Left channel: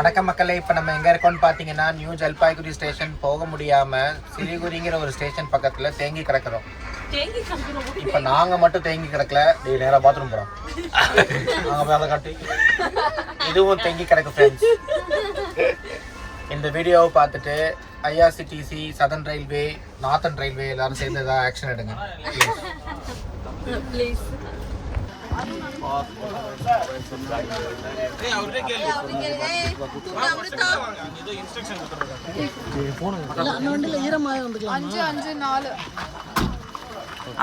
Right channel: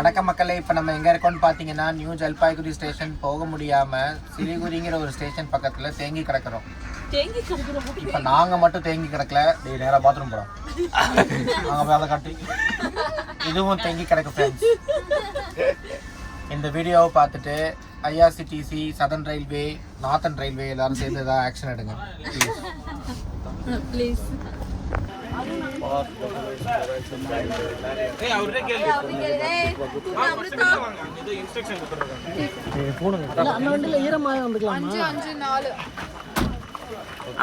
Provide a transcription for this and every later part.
வணக்கம் மக்களே, இப்போ நம்ம எங்கே இருக்கோம்னு பார்த்தீங்கன்னா நியூ ஜல்பாய்குரி ஸ்டேஷன் போக முடியாமல் சிலிகுரிங்கிற ஒரு ஸ்டேஷன் பக்கத்தில் தேங்கி கிடக்கிறோம். இப்போ நாங்கள் மட்டும் தேங்கி கிடக்கல, நேராக பாத்ரூம் போகிறோம். நாங்கள் போய் அதை காட்டி இதுவும் தேங்கி கிடக்கு ஃப்ரெண்ட்ஸ். இந்த வீடியோவை பார்த்துட்டு IRCTC, southern railway, northern railway எல்லாரும் சேர்ந்து ஏதாவது ஆக்ஷன் எடுங்க please.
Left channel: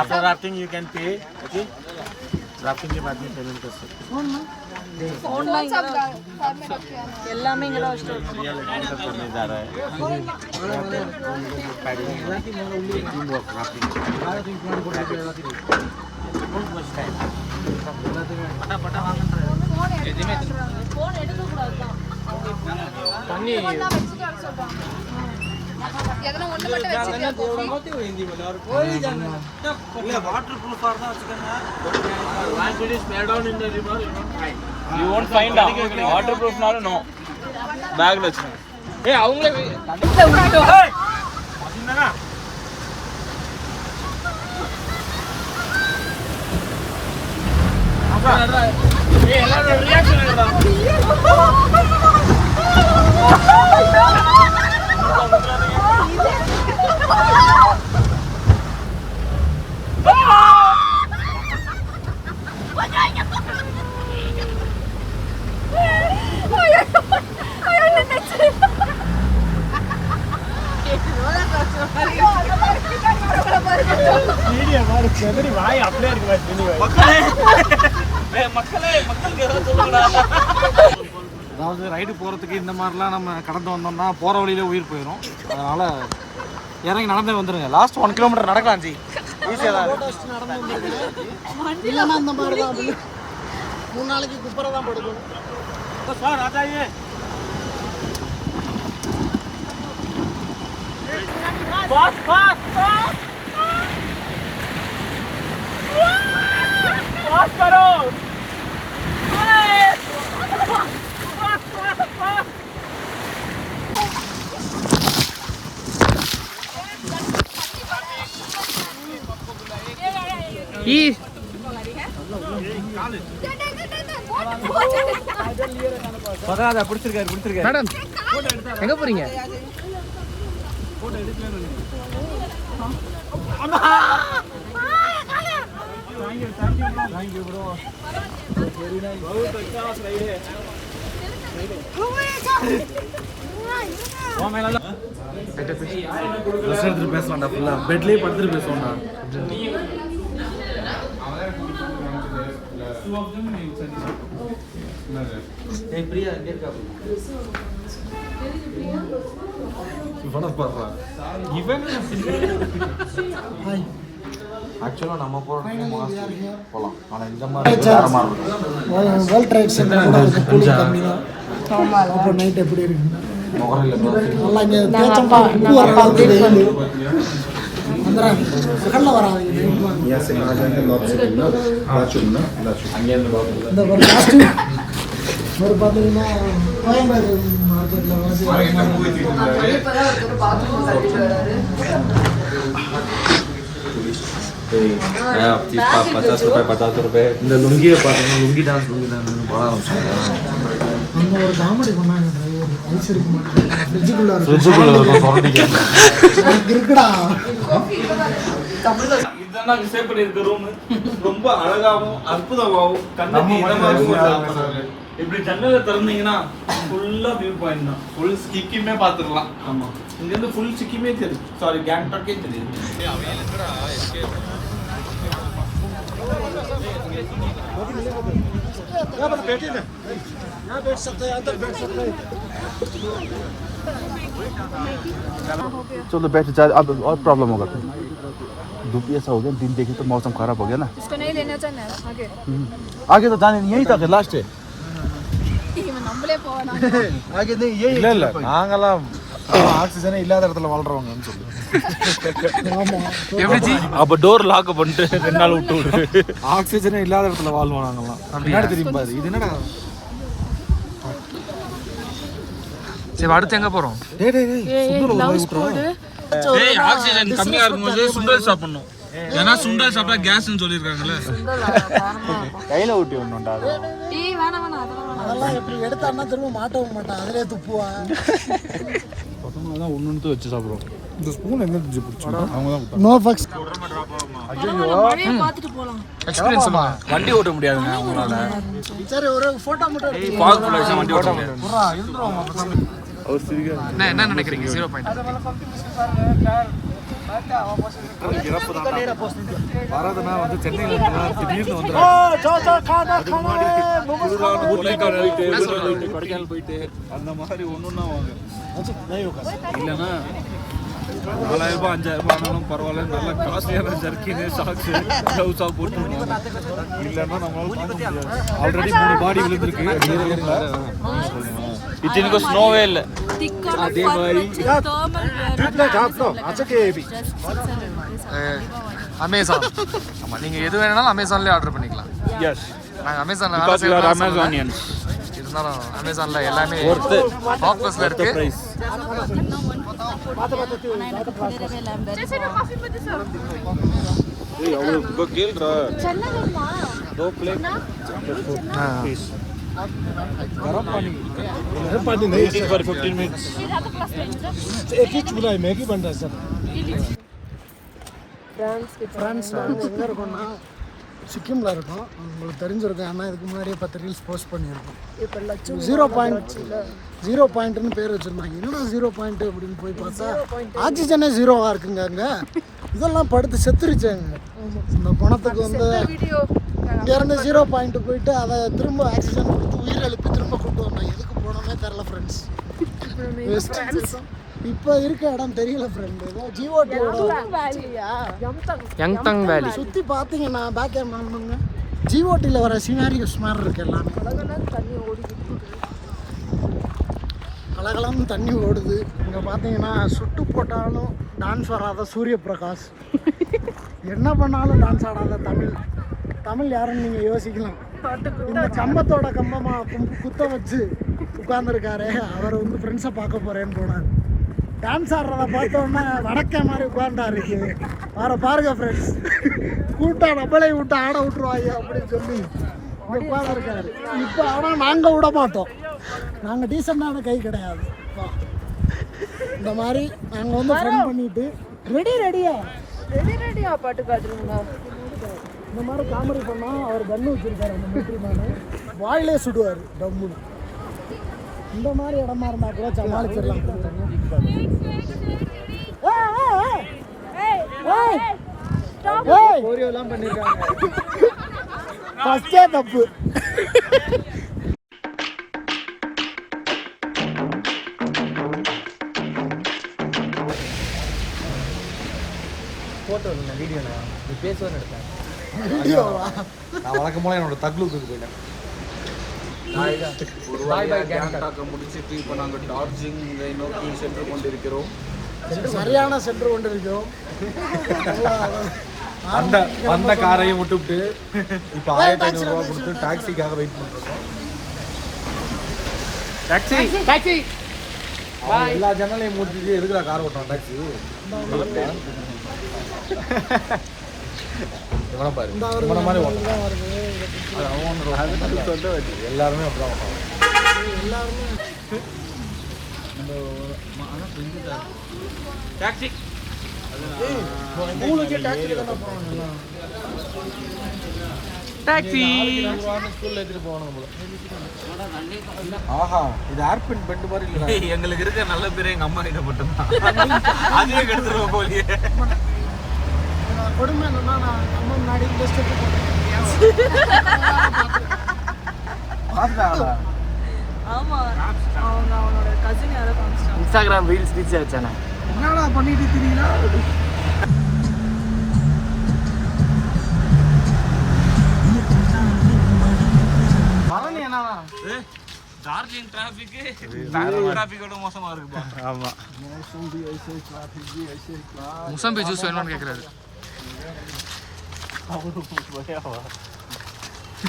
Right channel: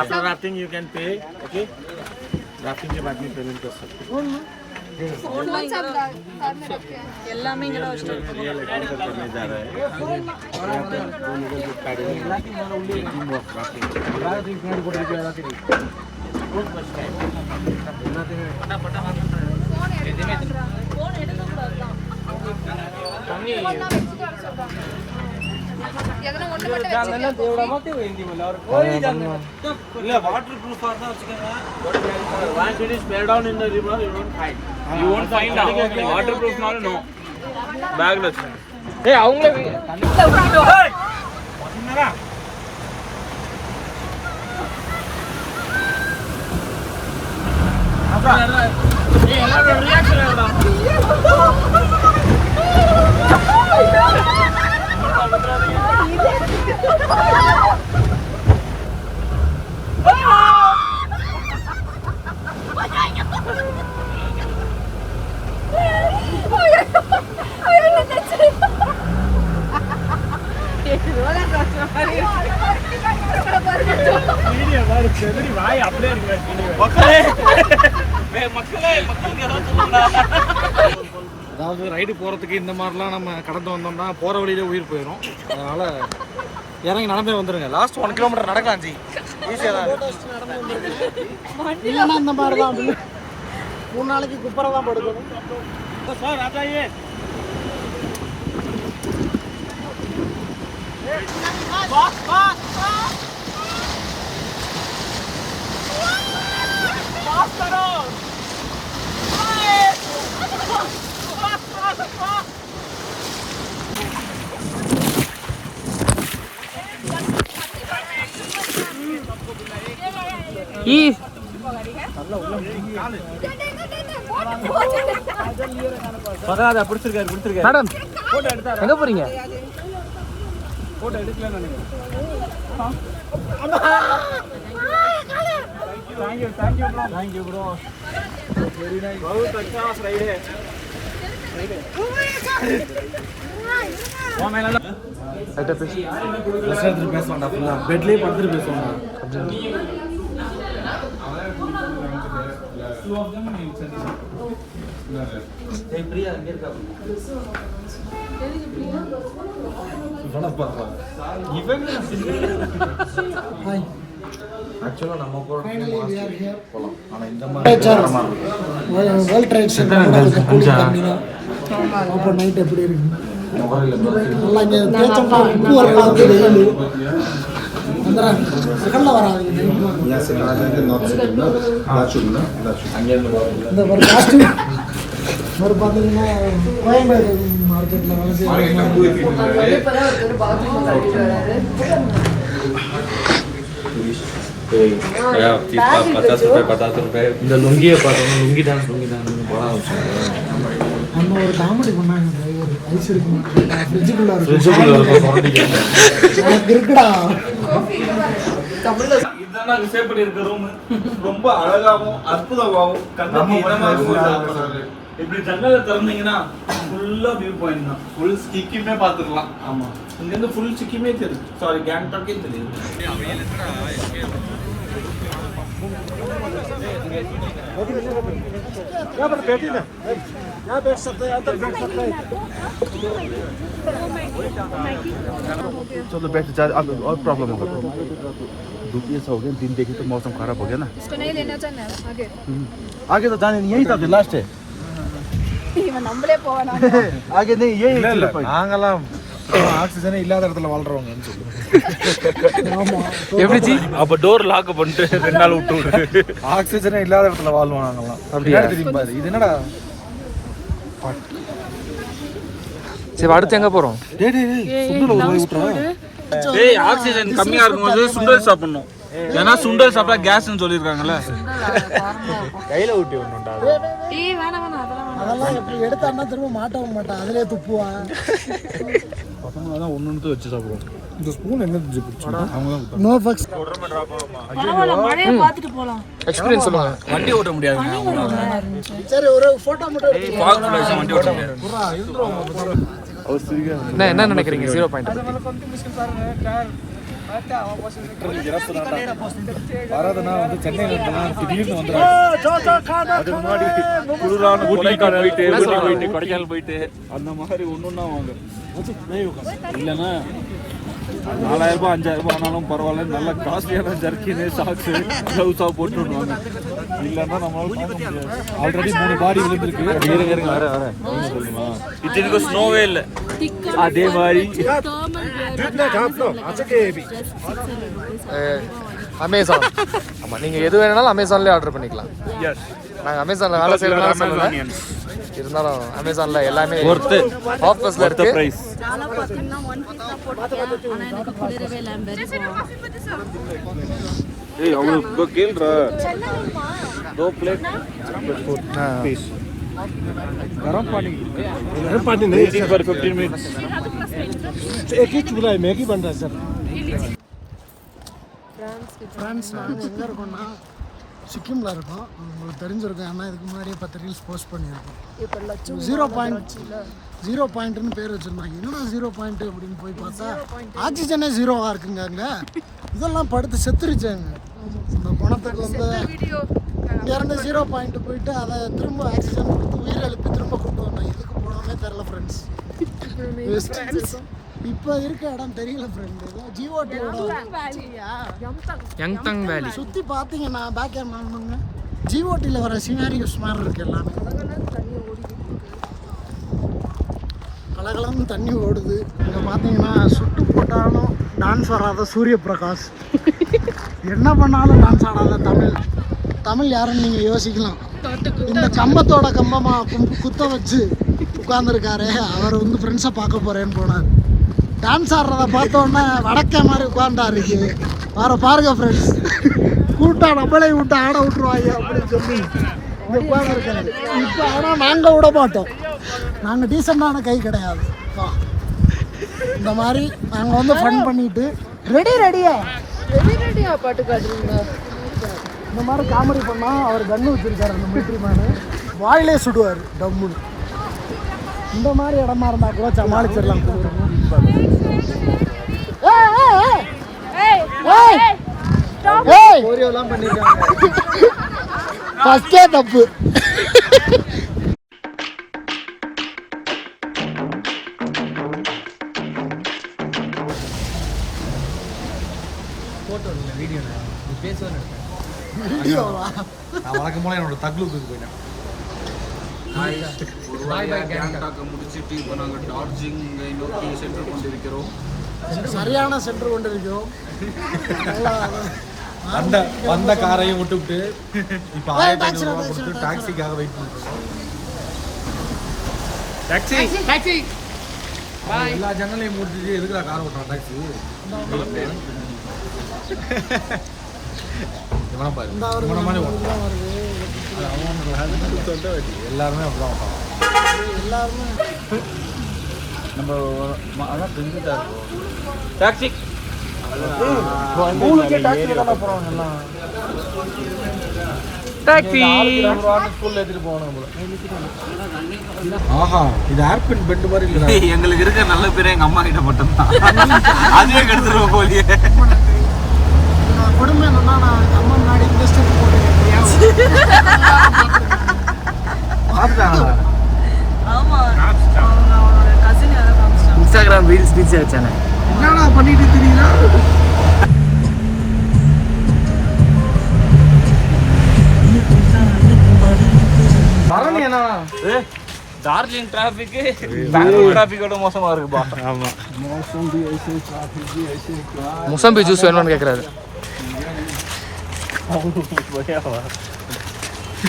After rafting you can pay, okay? Rafting के बाद में पेमेंट कर सकते हो। எல்லாமே இங்க தான் करने जा रहा है। यहाँ पे दो लोगों को पैडलिंग टीम वर्क राफ्टिंग। बहुत मस्त है। water proof are the Once it is spread down in the river, you won't find. you won't find out. Water proof no bag lo chhi hey avanga hey madinara ada hey ela relax அதாவது ride போகிறதுக்கு இந்த மாதிரிலாம் நம்ம கடந்து வந்தோம்னா போகிற வழியிலே உயிர் போயிடும். அதனால் இறங்கி நடந்தே வந்துடுங்க. லாஸ்ட் 1 கிலோமீட்டர் நடக்கலாம் ஜி, ஈஸியாக தான் இல்லைன்னா இந்த மாதிரி தான் 3 நாளைக்கு குப்பரை தான் படுக்கும். சார் ஆச்சாயே பாஸ் பாஸ் पास करो பரவாயில்ல பிடிச்சிருக்காரு மேடம் எங்க போறீங்க? போட்டோ எடுக்கல நினைக்கிறேன். Thank you bro very nice बहुत अच्छा राइड है वो मेला ऐटे पे ரெஸ்டாரன்ட்ல பேசலாம்டா ஃபுல்லா பெட்லயே படுத்துட்டு பேசலாம்டா பிரியா அங்க இருக்கா சுபனா பாறா இவன் ஹாய் ஆக்சுவலா நம்ம போலாம். ஆனா இந்த மாதிரி வேர்ல்ட் ட்ரேட் சென்டர் கூட கொஞ்சம் கூலிங் கம்மி தான். அப்போ நைட் எப்படி இருக்கு? நல்லா இங்கே தேச்சம்பா உப்பு வரலாம் வெயில் வந்துடுறாங்க செகண்டில் வராங்க இந்த ஒரு காஸ்டியூம் ஒரு பார்த்தீங்கன்னா கோயம்பேடு மார்க்கெட்டில் வேலை செய்ய ₹50 இந்த லுங்கியை பார்த்தோம்னா லுங்கி டான்ஸ் படம் அந்த ஒரு காமெடி பண்ணாங்க டிரைவர். ஐஸ் இருக்குமா ஃப்ரிட்ஜுக்குள்ள இருக்குடா. இதெல்லாம் ரிசர்வ் பண்ணியிருக்க ரூம் ரொம்ப அழகாகவும் அற்புதமாகவும் இப்படி ஜன்னலை திறந்தீங்கன்னா ஃபுல்லா வியூ பாயிண்ட் தான். ஃபுல் சிக்கிமே பார்த்துடலாம். ஆமா, இங்க இருந்து ஃபுல் சிக்கிமே தெரியும். சாரி, கேங்டாக்கே தெரியும். चलो बैठ जाए. अब और प्रॉब्लम होगा. ऐसा हो गया, दिन देखी तो मौसम खराब हो गया ना. उसको नहीं लेना चाहिए आगे. आगे तो जाने यही था फिर लास्ट है. आगे नहीं यही நாங்களாம் ஆக்சிஜனே இல்லாத இடத்துல வாழ்றவங்கன்னு சொல்லு. எப்படி அப்ப டோர் லாக் பண்ணிட்டு 2 நாள் விட்டு ஆக்சிஜனே இல்லாத இடத்துல வாழ்வோம் நாங்கலாம். அப்படியே தெரியும் பாரு. இது என்னடா சரி அடுத்து எங்கே போகிறோம்? சுண்டல் ஒரு வாய் விட்டுறேன். டேய் ஆக்சிஜன் கம்மியா இருக்கும்போது சுண்டல் சாப்பிடணும். ஏன்னா சுண்டல் சாப்பிட்டா கேஸ்னு சொல்லியிருக்காங்கல்ல. கையில ஊட்டி ஒண்ணுண்டா. அதெல்லாம் எப்படி எடுத்தான்னா திரும்ப மாட்டவும் மாட்டான், அதிலே துப்புவா. பசங்க தான் ஒன்று வச்சு சாப்பிடுவோம். இந்த ஸ்பூன் எங்கே பிடிச்சோம் அவங்க தான் நோ ஃபக்ஸ். எக்ஸ்பீரியன்ஸ் சொல்லுவாங்க. வண்டி ஓட்ட முடியாது. சரி ஒரு ஃபோட்டோ மட்டும் அவர் சிரிக்க என்ன நினைக்கிறீங்க 0 பாயிண்ட்? இறப்பு தான்டா. வரதுனா வந்து சென்னையில இருந்தெல்லாம் திடீர்னு வந்துடும். அதுக்கு முன்னாடி குளிரான கொடைக்கானல் போயிட்டு அந்த மாதிரி ஒன்றுன்னா வாங்க. இல்லைன்னா 4000 ரூபாய் 5000 ரூபாய் ஆனாலும் பரவாயில்ல, நல்ல காஸ்ட்லியான ஜர்க்கின்னு ஷாக்ஸு க்ளவுஸாக போட்டுருவாங்க. இல்லைன்னா நம்மளால தாங்க முடியாது. ஆல்ரெடி 3 பாடி விழுந்திருக்கு. இத்தனைக்கும் ஸ்னோவே இல்லை. அதே மாதிரி அமேசான். ஆமாம், நீங்கள் எது வேணாலும் அமேசான்லேயே ஆர்டர் பண்ணிக்கலாம். நாங்கள் அமேசானில் வேலை செய்யறதுனால சொல்லலை, இருந்தாலும் அமேசானில் எல்லாமே ஆஃபர்ஸில் இருக்கு. ஃப்ரான்ஸ் எங்கே இருக்கோம்னா சிக்கிமில் இருக்கோம். உங்களுக்கு தெரிஞ்சிருக்கும், ஆனால் இதுக்கு முன்னாடியே 10 ரீல்ஸ் போஸ்ட் பண்ணியிருக்கோம். இப்போ 0 பாயிண்ட்னு பேர் வச்சுருந்தாங்க. என்னடா 0 பாயிண்ட் அப்படின்னு போய் பார்த்தா ஆக்சிஜனே 0வாக இருக்குங்க அங்கே. இதெல்லாம் படுத்து செத்துருச்சாங்க. இந்த பணத்துக்கு வந்து இங்கேருந்து 0 பாயிண்ட் போயிட்டு அதை திரும்ப ஆக்சிஜன் கொடுத்து உயிர் எழுப்பி திரும்ப கொண்டு வந்தோம். எதுக்கு போனோமே தெரில ஃப்ரெண்ட்ஸ். இப்போ இருக்க இடம் தெரியல ஃப்ரெண்ட். ஏதோ ஜிஓடியோட யங்டங் வேலி சுற்றி பார்த்தீங்கன்னா பேக் கேமரா ஜிஓடியில் வர சினாரியோஸ் மாதிரி இருக்கு. எல்லாமே கலகலன்னு தண்ணி ஓடுது. இங்கே பார்த்தீங்கன்னா சுட்டு போட்டாலும் டான்ஸ் வராத சூரிய பிரகாஷ், என்ன பண்ணாலும் டான்ஸ் ஆடாத தமிழ் யாருன்னு நீங்கள் யோசிக்கலாம். இந்த கம்பத்தோட கம்பமாக குத்த வச்சு உட்காந்துருக்காரு. அவர் வந்து ஃப்ரெண்ட்ஸை பார்க்க போகிறேன்னு போனார். டான்ஸ் ஆடுறத பார்த்தோன்னே வடக்கே மாதிரி உட்காண்டாருக்கு. பாருங்க ஃப்ரெண்ட்ஸ், கூட்டா நம்மளே விட்டு ஆட விட்டுருவாங்க அப்படின்னு சொல்லி இங்கே உட்காந்துருக்காரு. இப்போ ஆனால் நாங்கள் விட மாட்டோம். நாங்கள் டீசெண்டான கை கிடையாது. இந்த மாதிரி நாங்கள் வந்து ஃபன் பண்ணிட்டு ரெடியா இந்த மாதிரி காமெடி பண்ணால் அவர் கன்று வச்சுருக்காரு. அந்த மிலிட்ரி மேனு வாயிலே சுடுவார் டம்முன்னு. இந்த மாதிரி இடமா இருந்தால் கூட சமாளிச்சிடலாம். கோரியோலாம் பண்ணிருக்காங்க. ஃபர்ஸ்டே தப்பு. ஃபோட்டோ இல்லை, வீடியோ நீ பேசுவேன்னு எடுத்தேன். நான் வழக்கம் போல என்னோட தக்லூக்கு போயிட்டேன். முடிச்சுட்டு இப்போ நாங்கள் டார்ஜிலிங்கை நோக்கி சென்று கொண்டிருக்கிறோம். சரியான சென்று கொண்டிருக்கிறோம். அந்த காரையும் விட்டுவிட்டு இப்போ 1500 ரூபா கொடுத்து டாக்ஸிக்காக வெயிட் பண்ணிருக்கோம். டாக்ஸி எல்லா ஜன்னலையும் முடிச்சுட்டு எதுக்குடா கார் ஓட்டுறான் டாக்ஸி? இவனை பாரு, இவனை மாதிரி ஓட்டுறான். எல்லாருமே அப்படிதான் ஓட்டுறாங்க. எல்லாருமே நம்ம அதான் செஞ்சுட்டா இருக்கோம். டாக்ஸி டாக்ஸி ஸ்கூல்ல எடுத்துட்டு போகணும். ஆஹா, இது ஏர்பின் பெட் மாதிரி இல்லை. எங்களுக்கு இருக்க நல்ல பேர் எங்க அம்மா கிட்ட மட்டும்தான். அதுவே கெடுத்துருவோம் போலியே. கொடுமை என்னன்னா, நான் அம்மா முன்னாடி இந்த ஸ்டெப் போட்டுருக்கேன். இன்ஸ்டாகிராம் ரீல்ஸ் வச்சானே என்னடா பண்ணிட்டு தெரியுங்களா? பரணி என்ன டார்ஜிலிங் டிராஃபிக் பெங்களூர் டிராஃபிக்கோட மோசமா இருக்குப்பா. ஆமா, முசம்பி ஜூஸ் வேணும்னு கேட்குறாரு.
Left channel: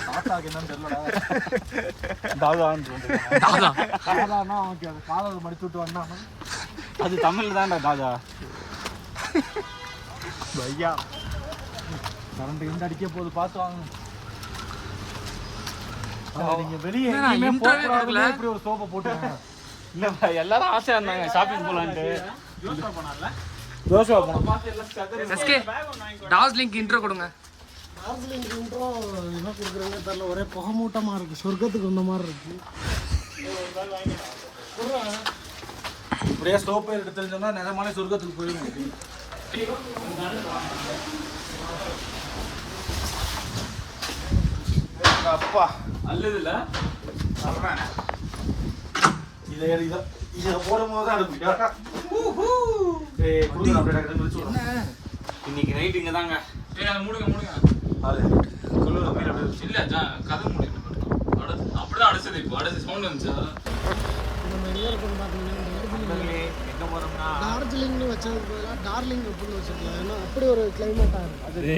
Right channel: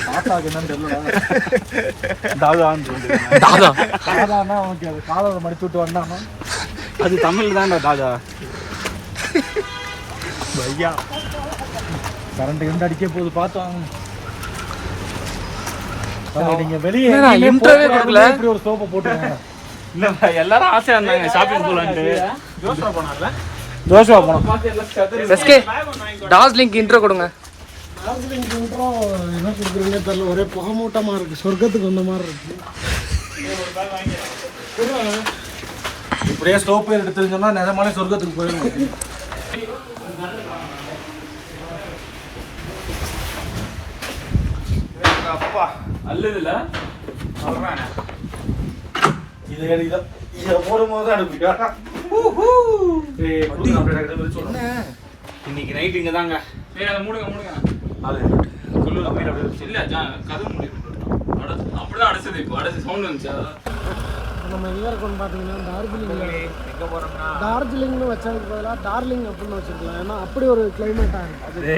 தாத்தாக்கு என்னன்னு தெரியலடா. தாதான்னு தாதா தாதான்னா அவனுக்கு அது காலரை மடிச்சு விட்டு வந்தானா அது தமிழ் தான்டா தாதா. ஐயா கரண்ட் எந்த அடிக்க போகுது பார்த்து வாங்க. நீங்க வெளியே இன்டர்வியூ கொடுக்கல. இப்படி ஒரு சோப்பை போட்டுருங்க. இல்ல எல்லாரும் ஆசையா இருந்தாங்க ஷாப்பிங் போலான்ட்டு. ஜோஷுவா போனோம். எஸ்கே டார்ஜிலிங்க்கு இன்ட்ரோ கொடுங்க. டார்ஜிலிங் இன்ட்ரோ என்ன கொடுக்குறீங்கன்னு தெரியல, ஒரே புகமூட்டமாக இருக்குது, சொர்க்கத்துக்கு வந்த மாதிரி இருக்குது. இப்படியே ஸ்டோப் எடுத்துருந்தோம்னா நிஜமாலே சொர்க்கத்துக்கு போயிடும். அப்பா அல்லதுல இதை போடும்போது தான் அனுப்பிட்டா. இன்னைக்கு நைட் இங்க தாங்க. அதை மூடுங்க. இல்ல கதை மூடி அப்படிதான் அடைச்சது. இப்போ அடைச்சு சவுண்ட் வந்துச்சு. நம்ம எங்கே இருக்கோம்னு பார்த்தீங்கன்னா டார்ஜிலிங்னு வச்சதுக்கு பதிலாக டார்லிங் அப்படின்னு வச்சுருக்கலாம். ஏன்னா அப்படி ஒரு கிளைமேட்டாக இருக்குது.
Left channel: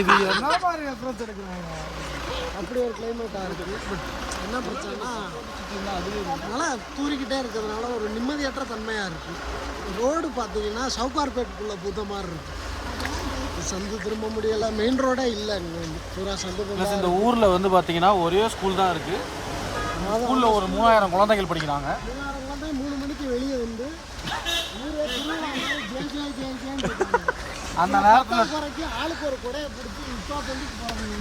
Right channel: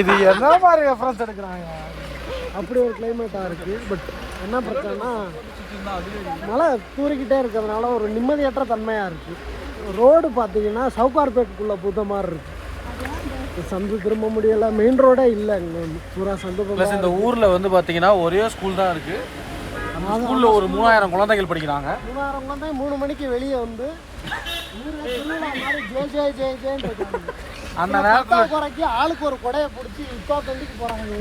இது என்ன மாதிரி ரெஃபரன்ஸ் எடுக்கிறாங்க? அப்படி ஒரு கிளைமேட்டாக இருக்குது. பட் என்ன பிரச்சனைனா மழை தூரிக்கிட்டே இருக்கிறதுனால ஒரு நிம்மதியற்ற தன்மையாக இருக்குது. ரோடு பார்த்தீங்கன்னா சவுகார்பேட்டுக்குள்ளே புத்த மாதிரி இருக்குது. சந்து திரும்ப முடியலை, மெயின் ரோடே இல்லை இங்கே வந்து பூரா சந்து. ப்ளஸ் இந்த ஊரில் வந்து பார்த்தீங்கன்னா ஒரே ஸ்கூல் தான் இருக்குது. அந்த ஸ்கூலில் ஒரு 3000 குழந்தைகள் படிக்கிறாங்க. 3000 குழந்தை 3 மணிக்கு வெளியே வந்து ஊரே திருவிழா மாதிரி ஜெய் ஜெய் ஜெய் ஜெயின்னு இருக்காங்க. அந்த நேரத்தில் குறைக்கு ஆளுக்கு ஒரு கொடையை பிடிச்சி இப்போ தொண்டுக்கு போகிறாங்க.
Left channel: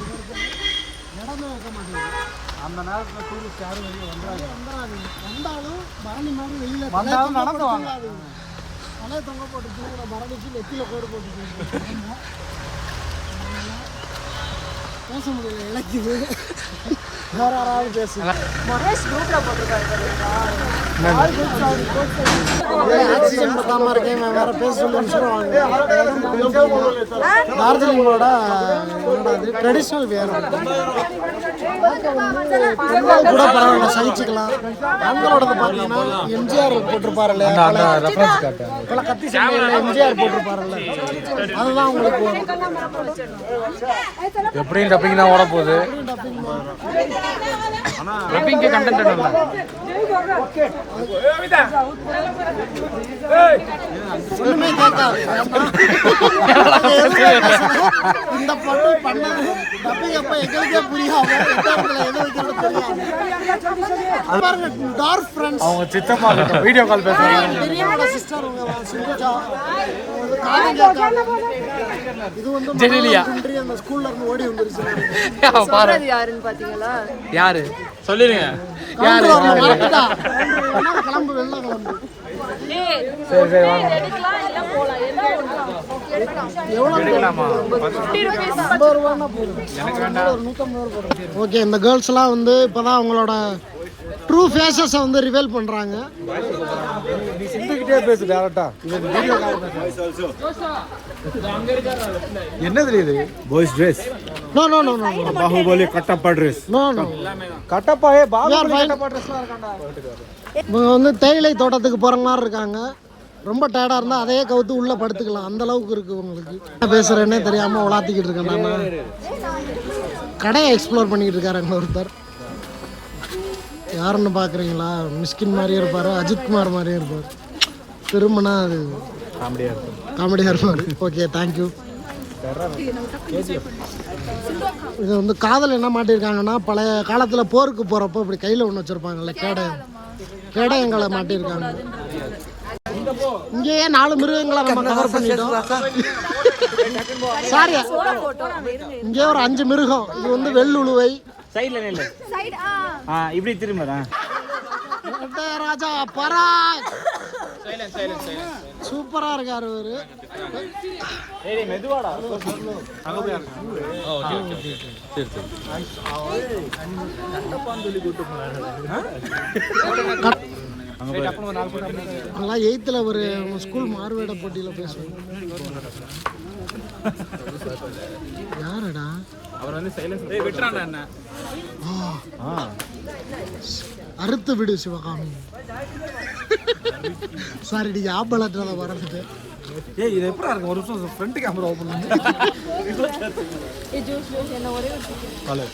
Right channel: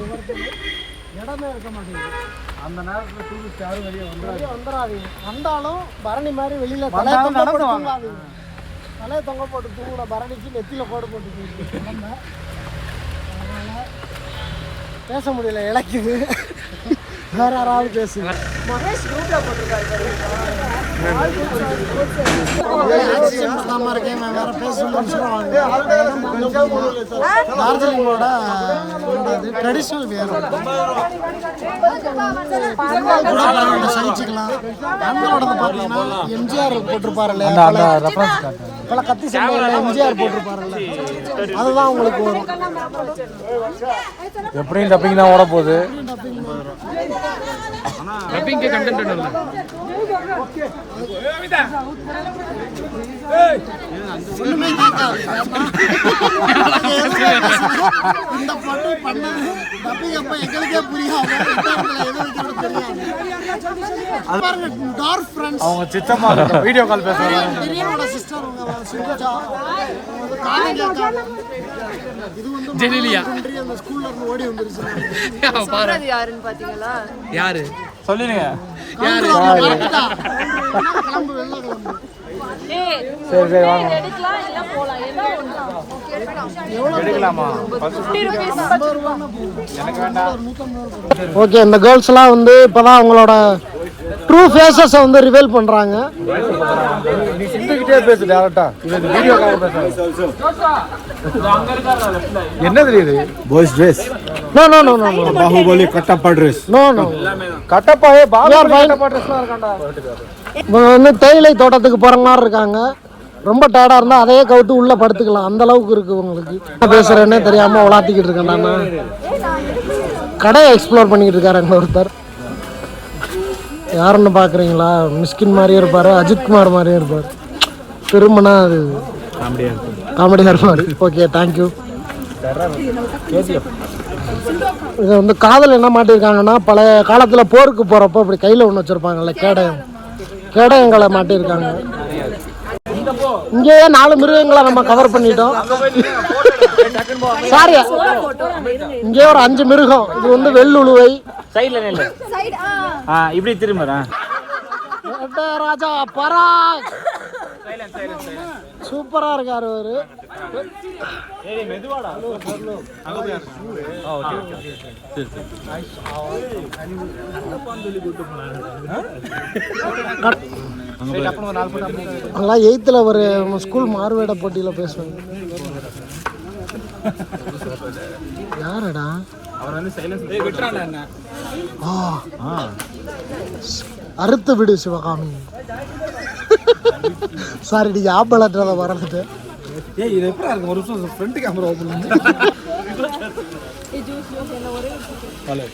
இடமே இருக்க மாட்டேங்குது. அந்த நேரத்தில் டூரிஸ்ட் யாரும் வெளியே வந்துடாதீங்க. வந்தாலும் பரணி மாதிரி வெளியில் நடந்து வாங்க. தலையை தொங்க போட்டு தூங்கின பரணிக்கு நெத்தியில் கோடு போட்டு போயிட்டு பேச முடியல, இழக்குது. வேற யாராவது பேசு. மகேஷ் குரூப்ல போட்டிருக்காரு ஆக்சிஜன் பத்தாம இருக்கேன், நான் வேற பேச சொல்லி டார்ஜிலிங்கோட ட்ரெடிஷ்னல் வேணும். பெண்கள் கூட பரவாயில்ல, சகிச்சுக்கலாம். ஆண்களோடது பார்த்தீங்கன்னா எம்ஜிஆர் போட்டிருப்பாரு இல்லையா, பல கத்தி சண்டையில் எம்ஜிஆர் போட்டிருப்பாருல்ல, அதுதான் உங்களுக்கு வரும். எப்படியும் டப்பிங் தான் வரப்போகுது. டப்பிங்க்கு கண்டென்ட் இல்லை. ஒண்ணுமே கேட்காது. இந்த பாட்டு பண்ணது டப்பிங் அப்ப எங்களுக்கே புரியாது, எது வைக்கிறது தெரியாது. பாருங்க டார்க் ஃப்ரெண்ட்ஸ், அவங்க சித்தப்பா வீடியோ கால் பேசுறாங்க. பெரியவனோட சிஸ்டர் உங்க சிந்துஜா, காலம் கேட்காது. இது வந்து குன்றி அந்த ஸ்கூல்ல இருந்து ஓடி வந்துருச்சு. யாருன்னு பாத்தீங்களா? யாரு சொல்லிடுங்க. மறந்துட்டா கிளம்பு, வெள்ள கிளம்பு. ஓகே, இந்த கேர்ள்ஸ் எல்லாம் வந்து இப்பதான் அவங்களோட ட்ரூ ஃபேஸஸ் வந்து ரிவீல் பண்றாங்க. நீ சிந்துக்கிட்டே பேசு டேரக்டா. இவன் வீடியோ கால் பேசுறாங்க. என்ன தெரியுது? Boys dress. No no no no Baahubali Kattappa dress. No no Kattappa Baahubali Kattappa ட்ரெஸ்லாம் இருக்காண்டா. இவங்க வந்து தேயிலை தோட்டத்துக்கு போற மாதிரி இருக்காங்க. ரொம்ப டயர்டா இருந்தா அதையே கவுத்து உள்ள படுத்துக்கலாம், அந்த அளவுக்கு இருக்கு உங்களுக்கு. என்ன பேசுறேன்னே தெரியாம உலாத்திக்கிட்டு இருக்கேன் நான். கடையை எக்ஸ்ப்ளோர் பண்ணிக்கிட்டு இருக்காரு ஒருத்தர். யாருன்னு பாக்குறீங்களா? மிஸ்கின் மாதிரியே இருப்பாரு, அஜித்குமார் மாதிரியே இருப்பார். திரும்பினா அது காமெடியா இருப்பாரு. Okay, thank you. இது வந்து காதல் என்ன மாட்டிருக்காங்கன்னா, பழைய காலத்துல போருக்கு போறப்போ இப்படி கையில ஒண்ணு வச்சிருப்பாங்கல்ல, கேடயங்களை மாட்டிருக்காங்க. இங்கேயே 4 மிருகங்களை நம்ம கவர் பண்ணிட்டோம். சாரி, இங்கே ஒரு 5 மிருகம். இது வந்து வெள்ளுழுவை. சைடுல நில்லு. இப்படி திரும்புறா. ராஜா பரா சூப்பரா இருக்காரு அவரு. அதெல்லாம் 8th ஒரு ஸ்கூல் மாறுவேட போட்டியில பேசுவாங்க. யாரடா? அறுத்து விடு சிவகாமி. சாரி டி, ஆப்பலற்றத வரதுட்டு. ஏய், இது எப்படா இருக்கு? ஒரு நிமிஷம் ஃப்ரண்ட் கேமரா ஓபன் பண்ணு. ஹலோ.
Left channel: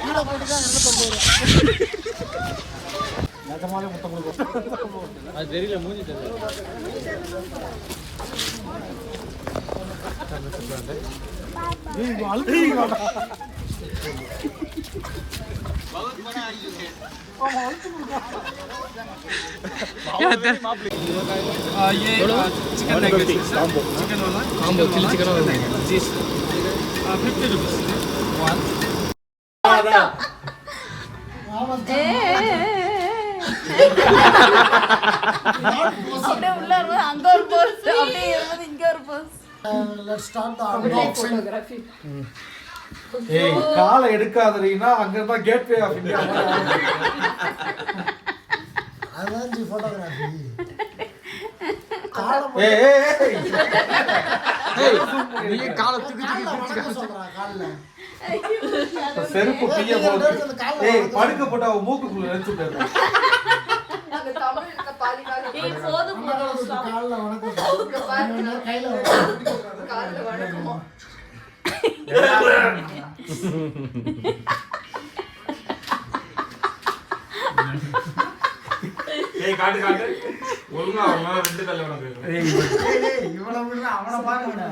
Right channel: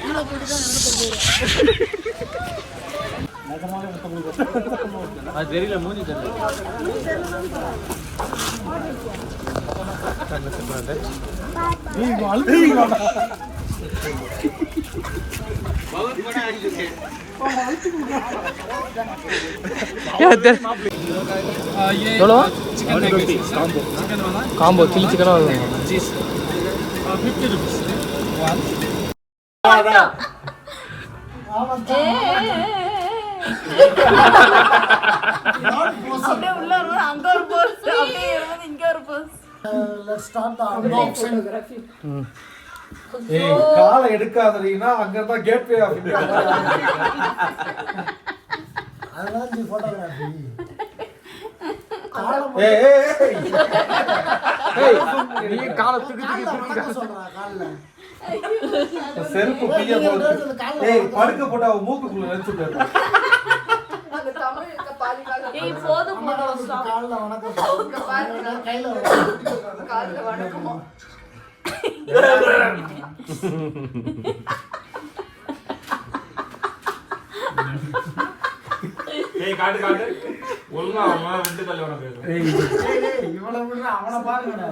கீழே போட்டு தான் இங்கே போட்டு நிஜமாவே முத்தம் கொடுக்கும். அது தெரியல மூஞ்சி காம்போ சில்லி சிக்கனா வருது. காலை எடுக்காதீங்கன்னா அங்க இருந்தா கேட்வே ஆஃப் இந்தியா. அதுதான் ஜி போட்டோகிராஃபி. நீ காலை தூக்கி தூக்கி சொல்றான் காலில் செருப்பு பிய போட்டு படுக்க போட்டு அவ மூக்குக்குள்ள வச்சு விட்டுறான். காட்டு காட்டு ஒழுங்கா அவன் 2 கல்ல வேணா போயிடும். இவ்வளவு அவனை பாருங்க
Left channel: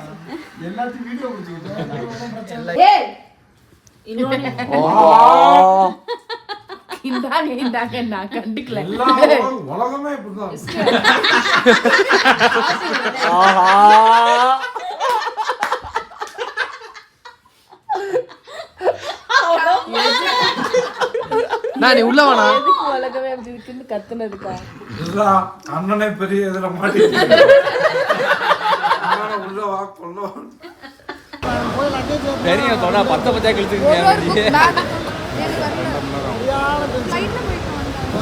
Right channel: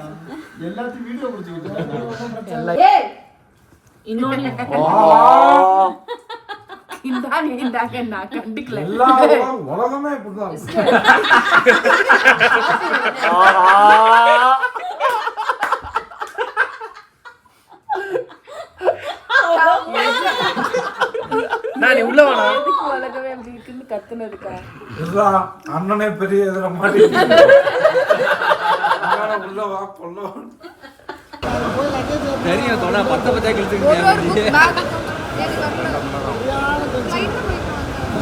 எல்லாத்தையும் வீடியோ பிடிச்சிக்கிட்டு உலகமே இப்படிதான். நீ உள்ள வேணா உலகமே அப்படி இருக்குன்னு கத்துனதுக்கா அண்ணனே பெரிய இதுல மாட்டிட்டு உள்ள வா கொல்ல தெரியும் தொட 10 பச்சை கழிச்சுங்க.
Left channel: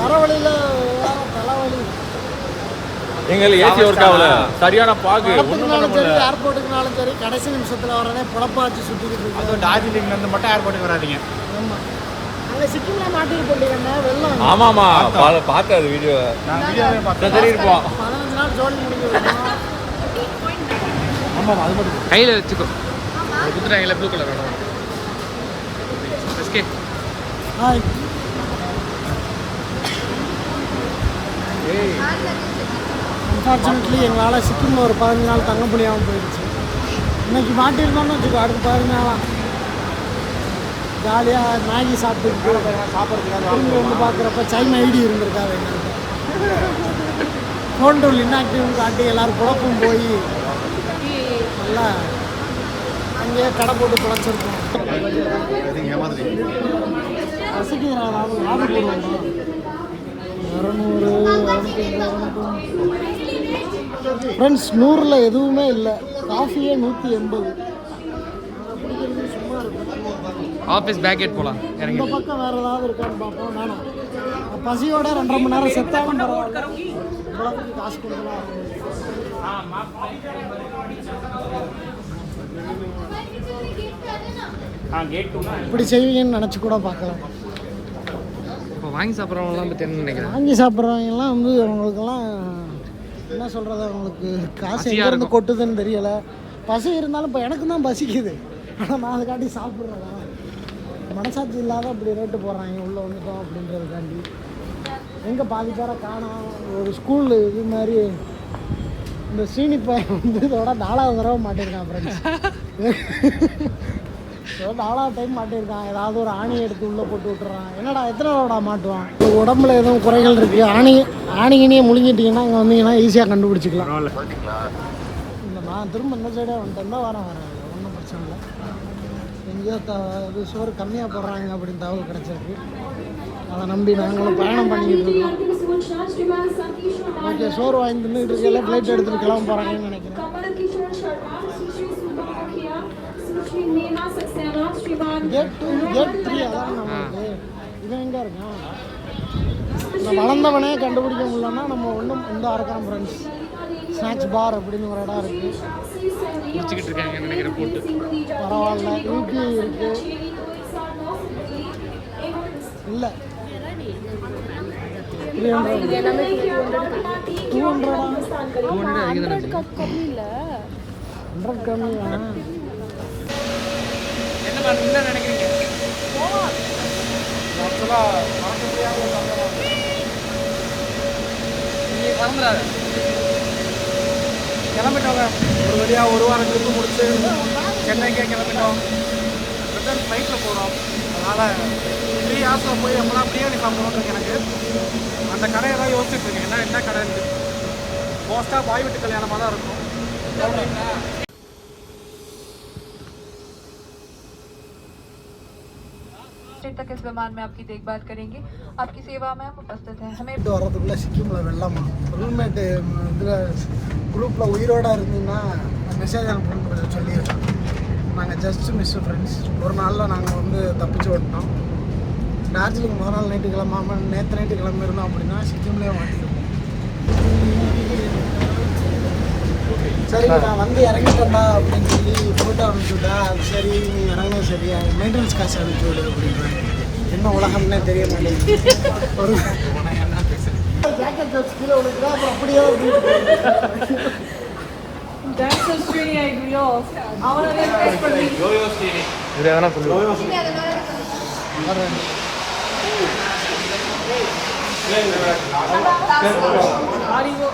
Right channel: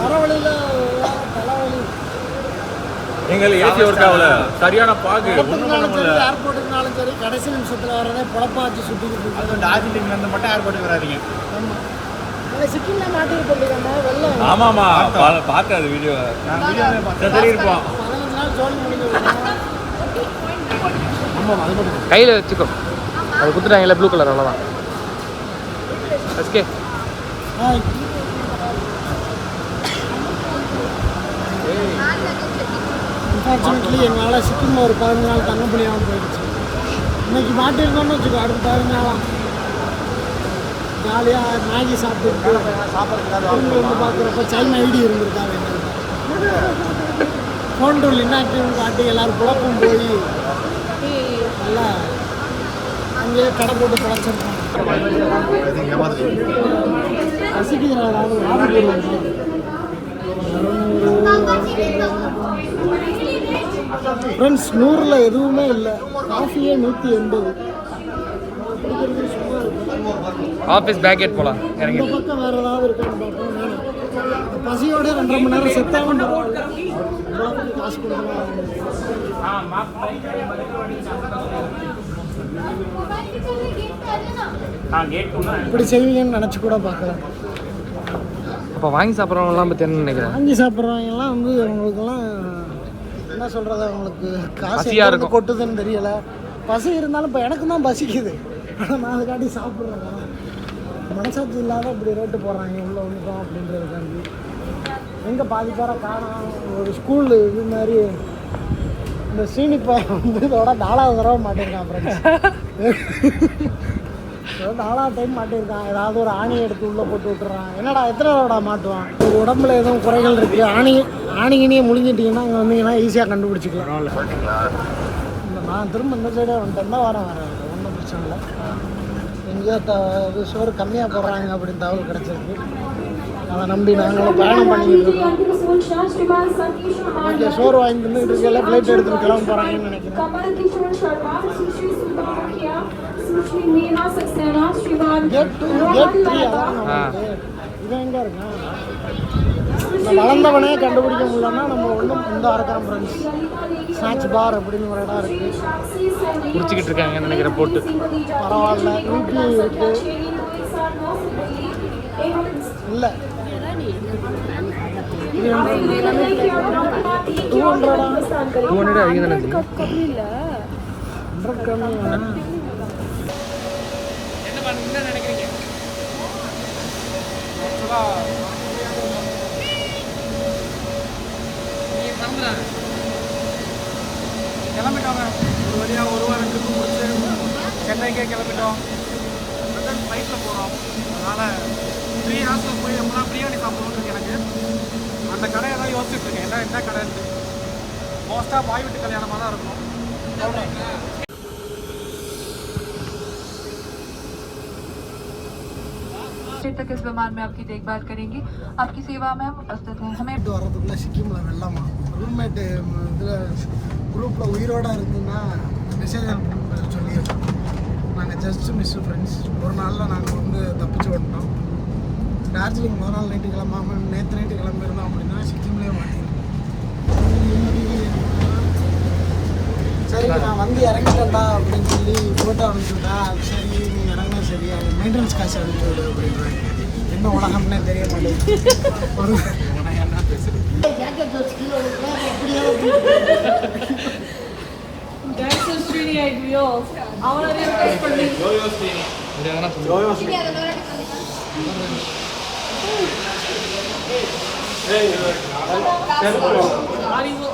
வரவழியில தலைவலி எங்களை ஏசி ஒர்க் ஆகல சரியான பாகு. இடத்துக்குனாலும் சரி ஏர்போர்ட்டுக்குனாலும் சரி கடைசி நிமிஷத்தில் வரதே பொழப்பாச்சு சுற்றிக்கிட்டு இருக்கு. டார்ஜிலிங் வந்து மட்டும் ஏர்போர்ட்டுக்கு வராதீங்க. ஆமாம் அங்கே சிக்கிமில் மாட்டிட்டு போட்டீங்கன்னா வெள்ளம் ஆமாமா பார்த்தேன் அது வீடியோ. நான் வீடியோவே பார்த்தேன். சரி இருப்போம். 15 நாள் ஜோலி முடிஞ்சு. ஆமாம் அது மட்டும் கையில் வச்சுக்கோ. அது கொடுத்துட்டாங்கல்ல ப்ளூ கலர் அவ்வளோதான். ஓகே அன்ஃபார்ச்சுனேட்லி எங்களால் சிக்கிமில் ஒரு 15 நாள் தங்க முடியாமல் போயிடுச்சு. இன்னைக்கு மாட்டிருந்தோம்னு வச்சுக்கோ அடுத்த 15 நாளாக ஜாலியாக மேகி சாப்பிட்டு திரும்பி வந்து பார்க்குறப்ப சைன் ஐடி இருந்திருக்காங்க. ஃபோன் டூல் இன்னாக்டிவ் காட்டி எல்லோரும் குழப்பம் போய் நல்லா அங்கேயே கடை போட்டு பிழைச்சிருக்கோம். ரசிக்கிறேன் அதாவது ஆர்டர் போடுவாங்க. ஃப்ரெண்ட்ஸ் 100ல் எதுவுமே இல்லை. காஃபியே 180. பிடிக்கிறது சும்மா இருக்கும். ஆஃபீஸ் பேக்கெட் போகலாம் இறங்கி. இந்த பக்கம் வேறு ஏதாவது இருக்கான்னு பார்ப்போம். வேணும் பசியோட 2.5 மணி நேரம் செத்தாலும் பரவாயில்ல. இவ்வளவுக்கு காசு கொடுக்கலாம். இப்படி செய்வீங்கன்னு நினச்சி கூட பார்க்கலாம். அப்போ வாங்கி சாப்பிட்றவங்கலாம் பற்றி என்ன நினைக்கிறேன்? வாங்கி சாப்பிட்றவங்கலாம் வந்து அவங்களுக்கெல்லாம் என்ன சொல்கிறது, அவங்களுக்கு காசு பசியாக எங்கே இருக்கும். கொட்டுதுன்னு தெரியல. பசி இருந்தாலும் இப்போ எனக்கு தான் பசிக்குது. நான் அதுக்காண்டி சாப்பிட்றேன். மனசாட்சி இல்லாத இப்படி ரேட்டு போடுறாங்க உள்ள வந்துட்டோம் அப்படின்றதுக்காண்டி. எங்கே பாதி பேரை காணும். ஒரு ஸ்கூல் இது மாதிரி இந்த சீனிப்பை வந்து இதோட 4வது தடவை மாட்டிருக்கான். அப்புறம் 4வது டைம் மாட்டிருக்கான். ஏதாவது ஒரு ஆணி எடுத்து உள்ளே போட்டு விட்டுறான். என்னடா எத்தனை தடவை மாட்டுவான். ஒரு உடம்புல எதுவும் குறைகள் இருக்குது. ஆணிகினியை முழுங்கிட்டீங்கன்னா இங்கே வந்தீங்கன்னா ஈஸியாக கண்டுபிடிச்சிக்கலாம். இல்லை நான் திரும்ப இந்த சைடாக வந்துட்டேன் தான் வரேன். ஒன்றும் பிரச்சனை இல்லை. எங்கேயோ சோறு கம்மியாக போடுறாங்க அப்படின்னு தகவல் கிடச்சிருக்கு. அதை நம்பி நாங்களும் பயணம் பண்ணிக்கிட்டு இருக்கோம். ஓகே சோறு வாங்கி தின்னுட்டு இருக்கையில ஃப்ளைட் எடுத்துகிட்டு கிளம்ப போகிறாங்கன்னு நினைக்கிறேன். கேட் 3 அதான் இது எங்கே இருக்கா? வளர்ந்தவனே கண்டுபிடிக்க முடியலன்னா நம்ம ஒன்றும் இந்த அரக்காம் ஃப்ரெண்ட்ஸ் ஸ்நாக்ஸ் பார் அப்படின்னு ஒரு இடம் இருக்குது. குடிச்சிக்கிட்டு இருக்காங்கன்னு நினைக்கிறேன் போட்டு. பரவாயில்ல. யூபி இருக்குது. இல்லை எல்லாமே 200 அதிகம் தானே கம்மி இல்ல 100 கம்மி கிளம்பிட்டோங்க ஒரு வழியாக ஒரு வாரம் ட்ரிப்பு முடிச்சு சென்னைக்கே கிளம்பிட்டோம். ரிட்டர்ன் ஃப்ளைட்டில் போகிறோம். அதனால் 3 ஹவர்ஸில் போய் எப்போலாம் பிரியாணி சாப்பிடுவோம் எனக்கு அந்த கடையை தான் யோசிச்சுட்டு இருக்கேன். என்ன கடைன்னு மோஸ்ட்டாக பாய் வீட்டு கல்யாணமாக தான் இருக்கும். तक इस विमान में आपकी देखभाल करेंगे. आपकी सेवा में हम उपस्थित हैं. हमें வரதுக்குள்ளே சிக்கிமில் வெள்ளமா ரூம்மேட்டு இதில் குரூப்பில் உயிரோடு இருந்தீங்கன்னா மெசேஜ் அனுப்பணும்னு கொஞ்சம் சொல்லியிருக்கோம். நாங்கள் ஜஸ்ட் மிஸ் ஃப்ரெண்ட்ஸ். ஒரு நாளில் நாங்கள் வந்து தப்பிச்சு ஓட்டினோம். டார்ஜிலிங் முதல் நாள் நைட்டு கிளம்பாமல் நேற்று நைட்டு கிளம்பி இருந்தோம் அப்படின்னா சிக்கிம்லேயே மாட்டிருக்கோம். சரி நான் வந்து இறங்கிட்டேன்டா அப்படின்னு சொல்லி ஃபோட்டோ அனுப்பிச்சுட்டா அது சரி நீ இறங்கினா சரி மெயின்டெனன்ஸ் காசு அனுப்பிச்சு விடு அப்படின்றாங்க. என்ன உலகம்னே தெரிய மாட்டேங்குது. ஒரு பேக்கப் காசு கீழே விழுந்தா அப்புறம் அப்படியே That's so skinny ideals. அவரை ரெக்வெஸ்ட் பண்ணி இதில் எதனா சொல்லுவோம். அறிவு